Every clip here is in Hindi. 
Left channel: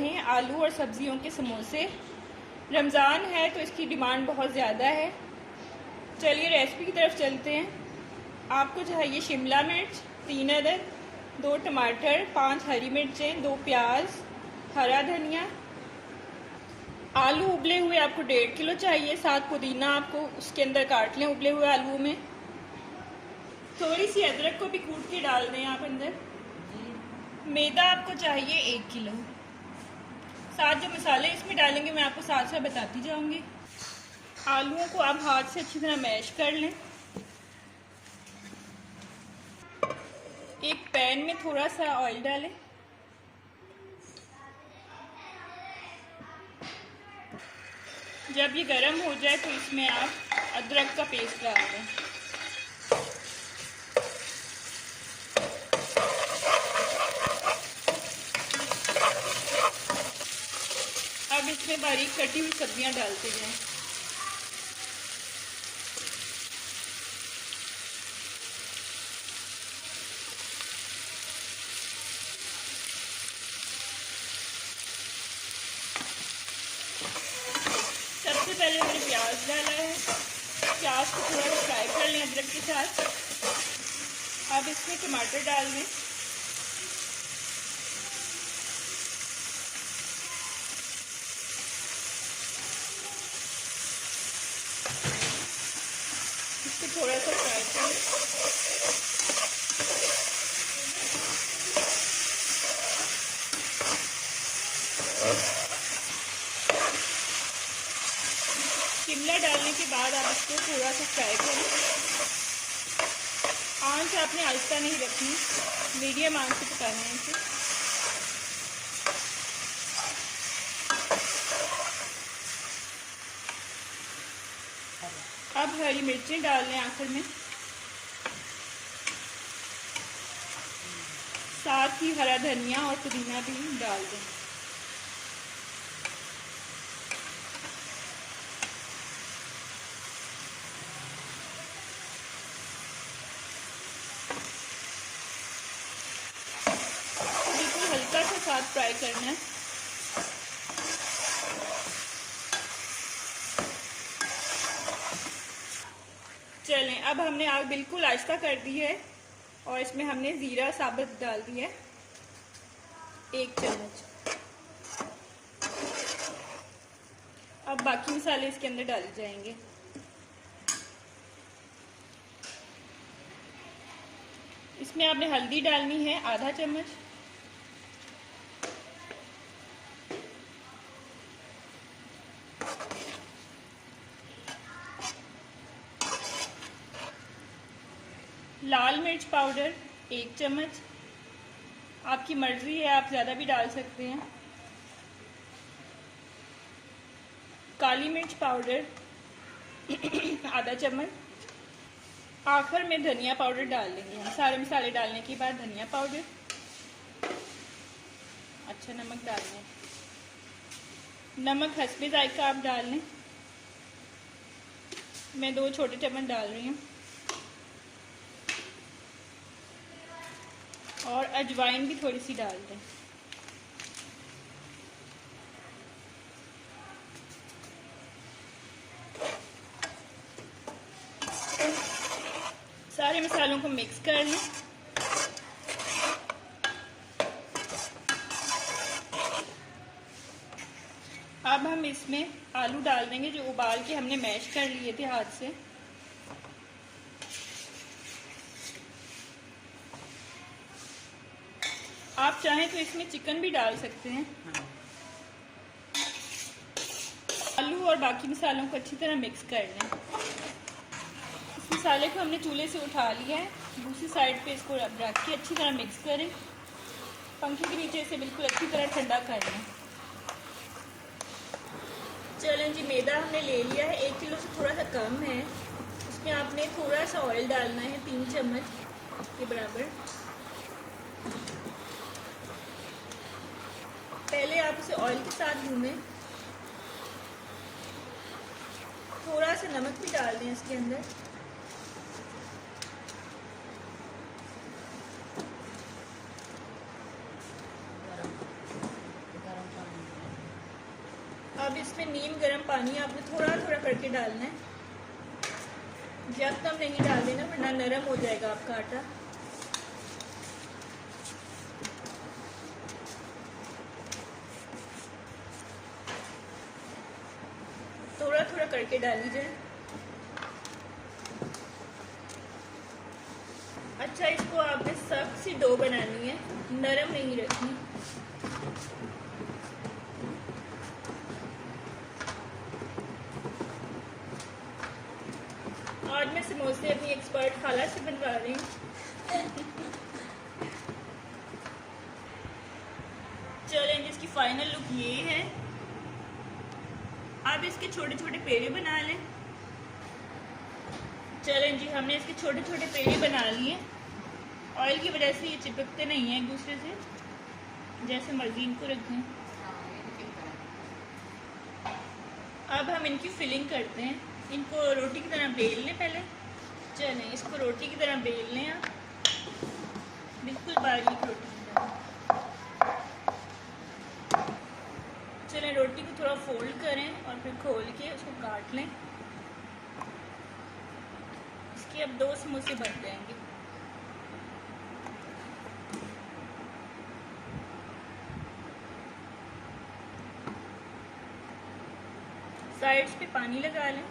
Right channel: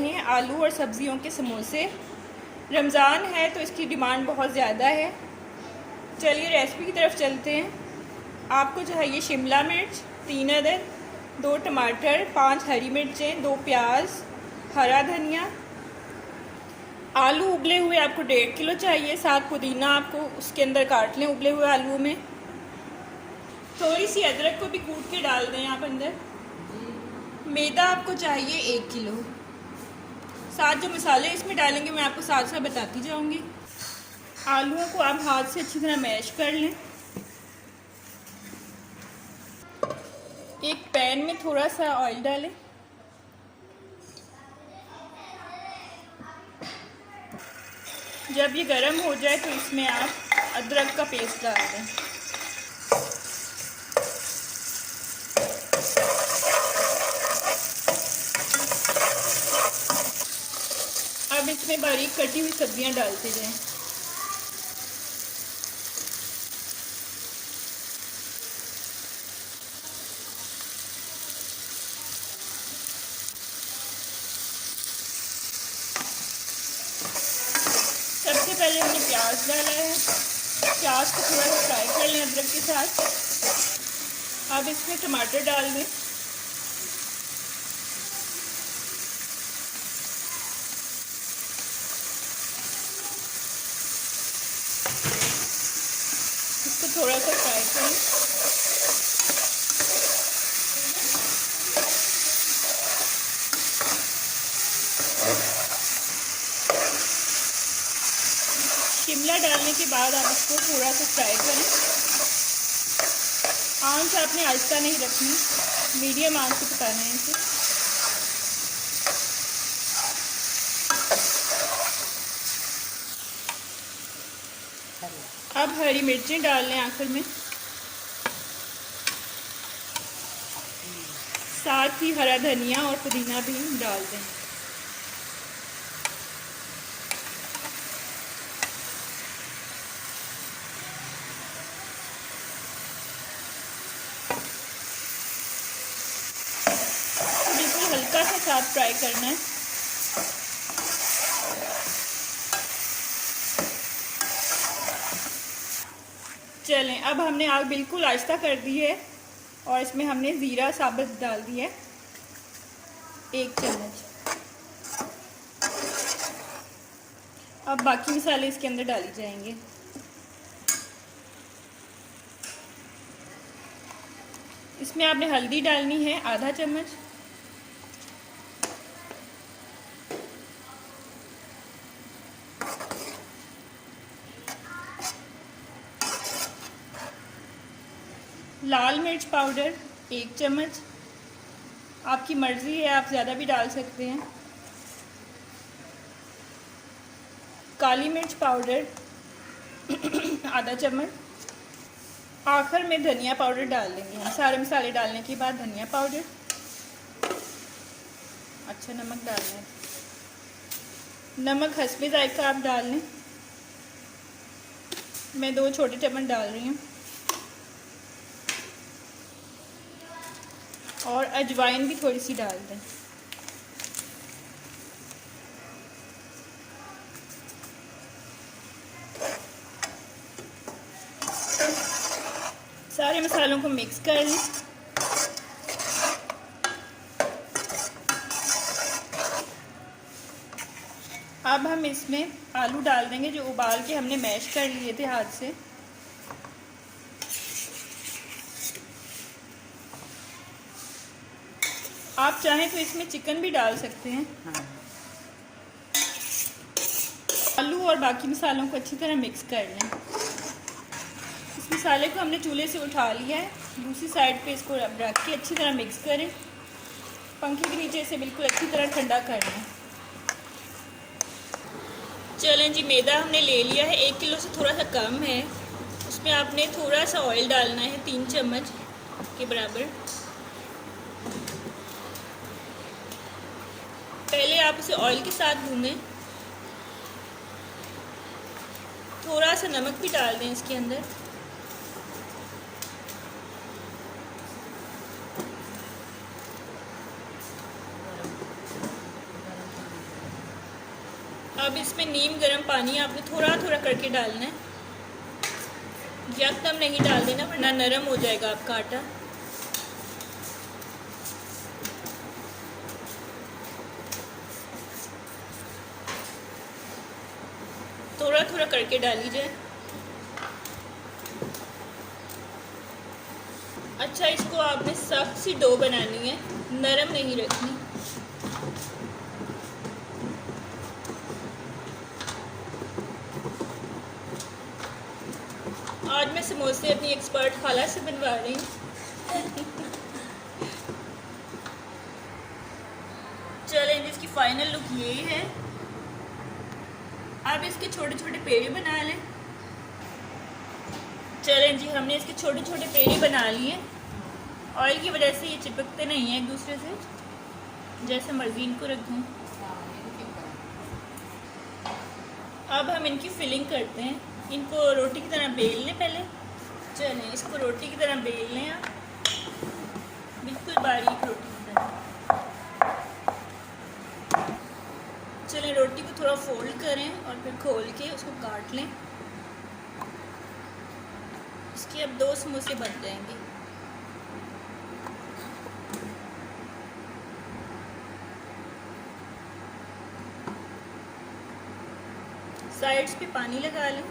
रहे हैं आलू और सब्जियों के समोसे। रमज़ान है तो इसकी डिमांड बहुत ज़्यादा है। चलिए रेसिपी की तरफ चलते हैं। आपको चाहिए शिमला मिर्च 3 अदद, 2 टमाटर, 5 हरी मिर्चें, 2 प्याज, हरा धनिया। आलू उबले हुए आपको 1.5 किलो चाहिए। 7 पुदीना आपको उसके अंदर काट लें उबले हुए आलू में। थोड़ी सी अदरक को भी कूट के डाल दें आप अंदर। मैदा आपको चाहिए 1 किलो। साथ जो मसाले इसमें डालेंगे मैं आपको साथ साथ बताती जाऊंगी। आलूओं को आप हाथ से अच्छी तरह मैश कर लें। एक पैन में थोड़ा सा ऑयल डालें। जब ये गर्म हो जाए तो इसमें आप अदरक का पेस्ट डाल दें। अब इसमें बारीक कटी हुई सब्जियां डालते जाएं। सबसे पहले हमने प्याज डाला है। प्याज को थोड़ा सा फ्राई कर लें अदरक के साथ। अब इसमें टमाटर डाल दें। इसको थोड़ा सा फ्राई करें। शिमला डालने के बाद आप इसको थोड़ा सा फ्राई करें। आंच आपने आहिस्ता नहीं रखनी, मीडियम आंच से पकाना है इसे। अब हरी मिर्चें डाल लें आखिर में। साथ ही हरा धनिया और पुदीना भी डाल दें। बिल्कुल हल्का सा साथ फ्राई करना है। चलें, अब हमने आग बिल्कुल आहिस्ता कर दी है और इसमें हमने ज़ीरा साबुत डाल दिया है 1 चम्मच। अब बाकी मसाले इसके अंदर डाले जाएंगे। इसमें आपने हल्दी डालनी है आधा चम्मच। लाल मिर्च पाउडर 1 चम्मच। आपकी मर्ज़ी है, आप ज़्यादा भी डाल सकते हैं। काली मिर्च पाउडर आधा चम्मच। आखिर में धनिया पाउडर डाल देंगे हम। सारे मसाले डालने के बाद धनिया पाउडर। अच्छा नमक डालना है। नमक हस्बे जायका आप डाल लें। मैं 2 छोटे चम्मच डाल रही हूँ। और अजवाइन भी थोड़ी सी डाल दें। सारे मसालों को मिक्स कर लें। अब हम इसमें आलू डाल देंगे जो उबाल के हमने मैश कर लिए थे हाथ से। आप चाहें तो इसमें चिकन भी डाल सकते हैं। आलू और बाकी मसालों को अच्छी तरह मिक्स कर लें। इस मसाले को हमने चूल्हे से उठा लिया है। दूसरी साइड पे इसको रख के अच्छी तरह मिक्स करें। पंखे के नीचे इसे बिल्कुल अच्छी तरह ठंडा कर लें। चलें जी, मैदा हमने ले लिया है 1 किलो से थोड़ा सा कम है। उसमें आपने थोड़ा सा ऑयल डालना है 3 चम्मच के बराबर। पहले आप इसे ऑयल के साथ भूनें। थोड़ा सा नमक भी डाल दें इसके अंदर। अब इसमें नीम गर्म पानी आपने थोड़ा थोड़ा करके डालना है, यकदम नहीं डाल देना वरना नरम हो जाएगा आपका आटा। थोड़ा थोड़ा करके डाली जाए। अच्छा, इसको आपने सख्त सी डो बनानी है, नरम नहीं रखनी। आज मैं समोसे अपनी एक्सपर्ट खाला से बनवा रही हूँ। चलें, इसकी फाइनल लुक ये है। आप इसके छोटे छोटे पेड़े बना लें। चलें जी, हमने इसके छोटे छोटे पेड़े बना लिए। ऑयल की वजह से ये चिपकते नहीं हैं एक दूसरे से, जैसे मर्जी इनको रखें। अब हम इनकी फिलिंग करते हैं। इनको रोटी की तरह बेल लें पहले। चलें, इसको रोटी की तरह बेल लें आप, बिल्कुल बारीक रोटी की तरह। चलें, रोटी को थोड़ा फोल्ड करें और फिर खोल के उसको काट लें। इसके अब 2 समोसे बन जाएंगे। साइड्स पे पानी लगा लें।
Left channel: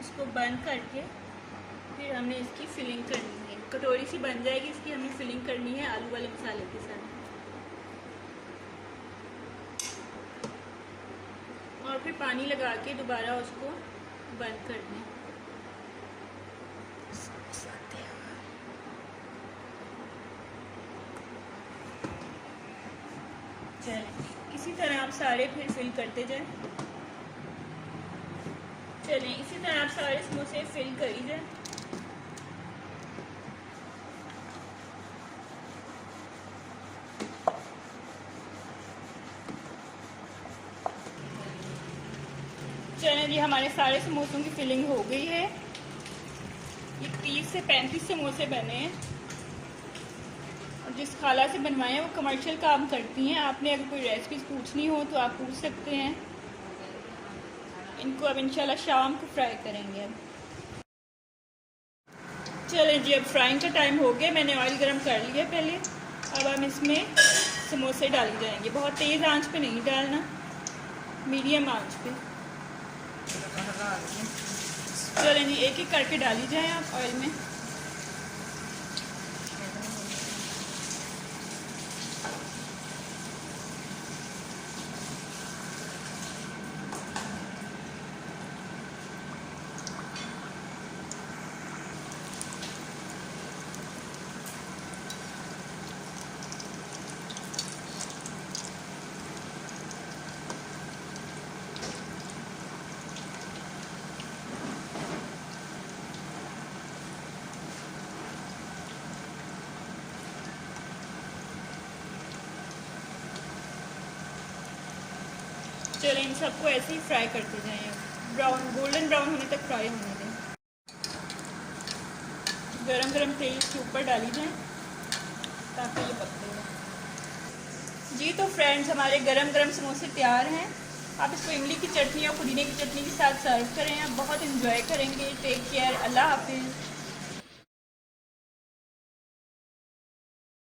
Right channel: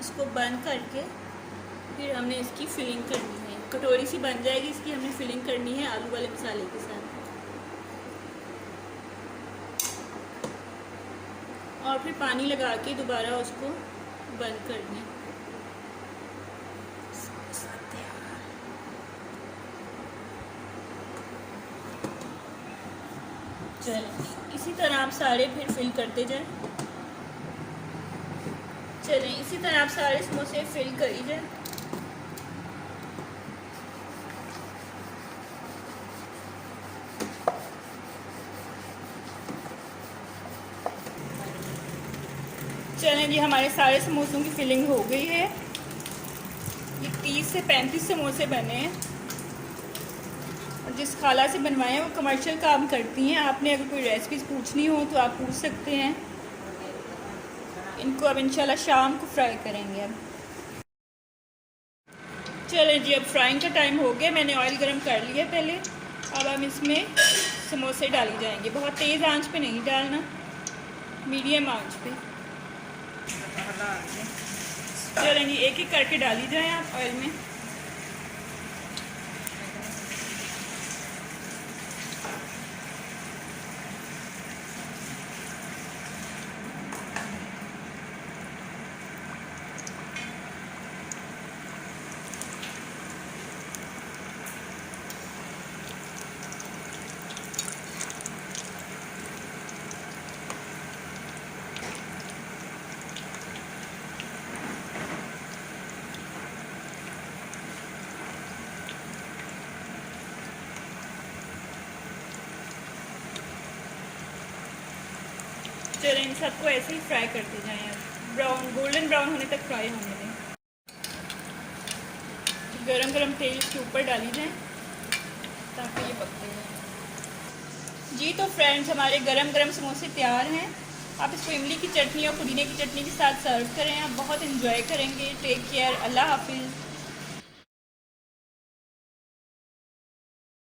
इसको बंद करके फिर हमने इसकी फिलिंग करनी है। कटोरी सी बन जाएगी, इसकी हमें फिलिंग करनी है आलू वाले मसाले के साथ। और फिर पानी लगा के दोबारा उसको बंद कर दें। चलें, इसी तरह आप सारे फिर फिल करते जाएं। चलें, इसी तरह आप सारे समोसे फिल करी जाएं। चलें जी, हमारे सारे समोसों की फिलिंग हो गई है। ये 30 से 35 समोसे बने हैं। और जिस खाला से बनवाए हैं वो कमर्शियल काम करती हैं। आपने अगर कोई रेसिपीज़ पूछनी हो तो आप पूछ सकते हैं। इनको अब इंशाल्लाह शाम को फ्राई करेंगे। अब चलें जी, अब फ्राइंग का टाइम हो गया। मैंने ऑयल गरम कर लिया पहले। अब हम इसमें समोसे डाली जाएंगे। बहुत तेज़ आंच पे नहीं डालना, मीडियम आंच पे। चलें जी, एक एक करके डाली जाए आप ऑयल में। चलें, इन सबको ऐसे ही फ्राई करते जाएं। ब्राउन, गोल्डन ब्राउन होने तक फ्राई होने दें। गरम गरम तेल इसके ऊपर डाली जाए ताकि ये पक जाए। जी तो फ्रेंड्स, हमारे गरम गरम समोसे तैयार हैं। आप इसको इमली की चटनी और पुदीने की चटनी के साथ सर्व करें। आप बहुत इन्जॉय करेंगे। टेक केयर, अल्लाह हाफिज़।